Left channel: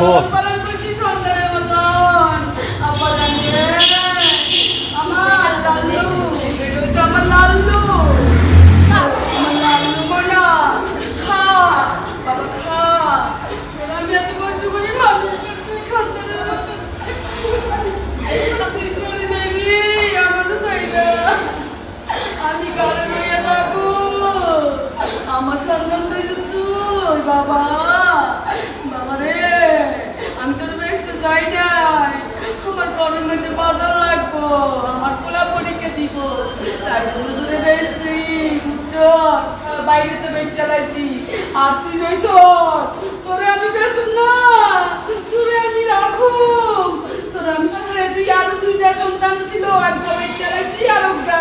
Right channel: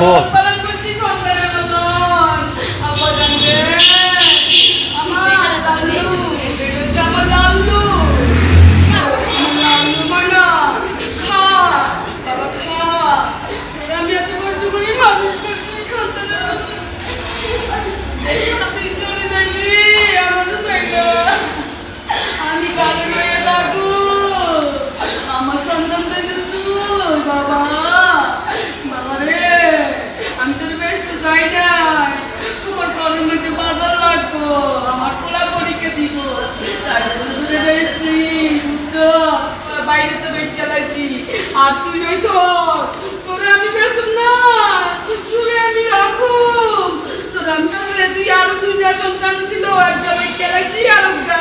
বল পালন করছি সন্তানের মতন। আব্বা জানবে আমার লাল্লু, এটা হচ্ছে আমার লাল্লু, আমার লাল্লু মানা। খা বাবা খা। আমি এত কষ্ট করি মানুষ করছি সন্তানের মতন। তুই চলে যাবি আমাদের জায়গা, আমি কাজে করে রাখবো। আমার সন্তানটা কিন্তু বাবা বাবা রে, আমি তোর বেসতে চাই না। তোমার কলের মধ্যে বাজার লাগবো, আমার পোলা পরীক্ষা দিব, তাই দূরে বেসছি বাইরে তো বেচ চালাইছি। আর তুই বেস, তোরে আমি বেসুন না, তোরে আমি রাখুম। তোর আমি তুই আরো দুইটা সন্তান ছিল, একটা বেচ চালাইছি আর একটা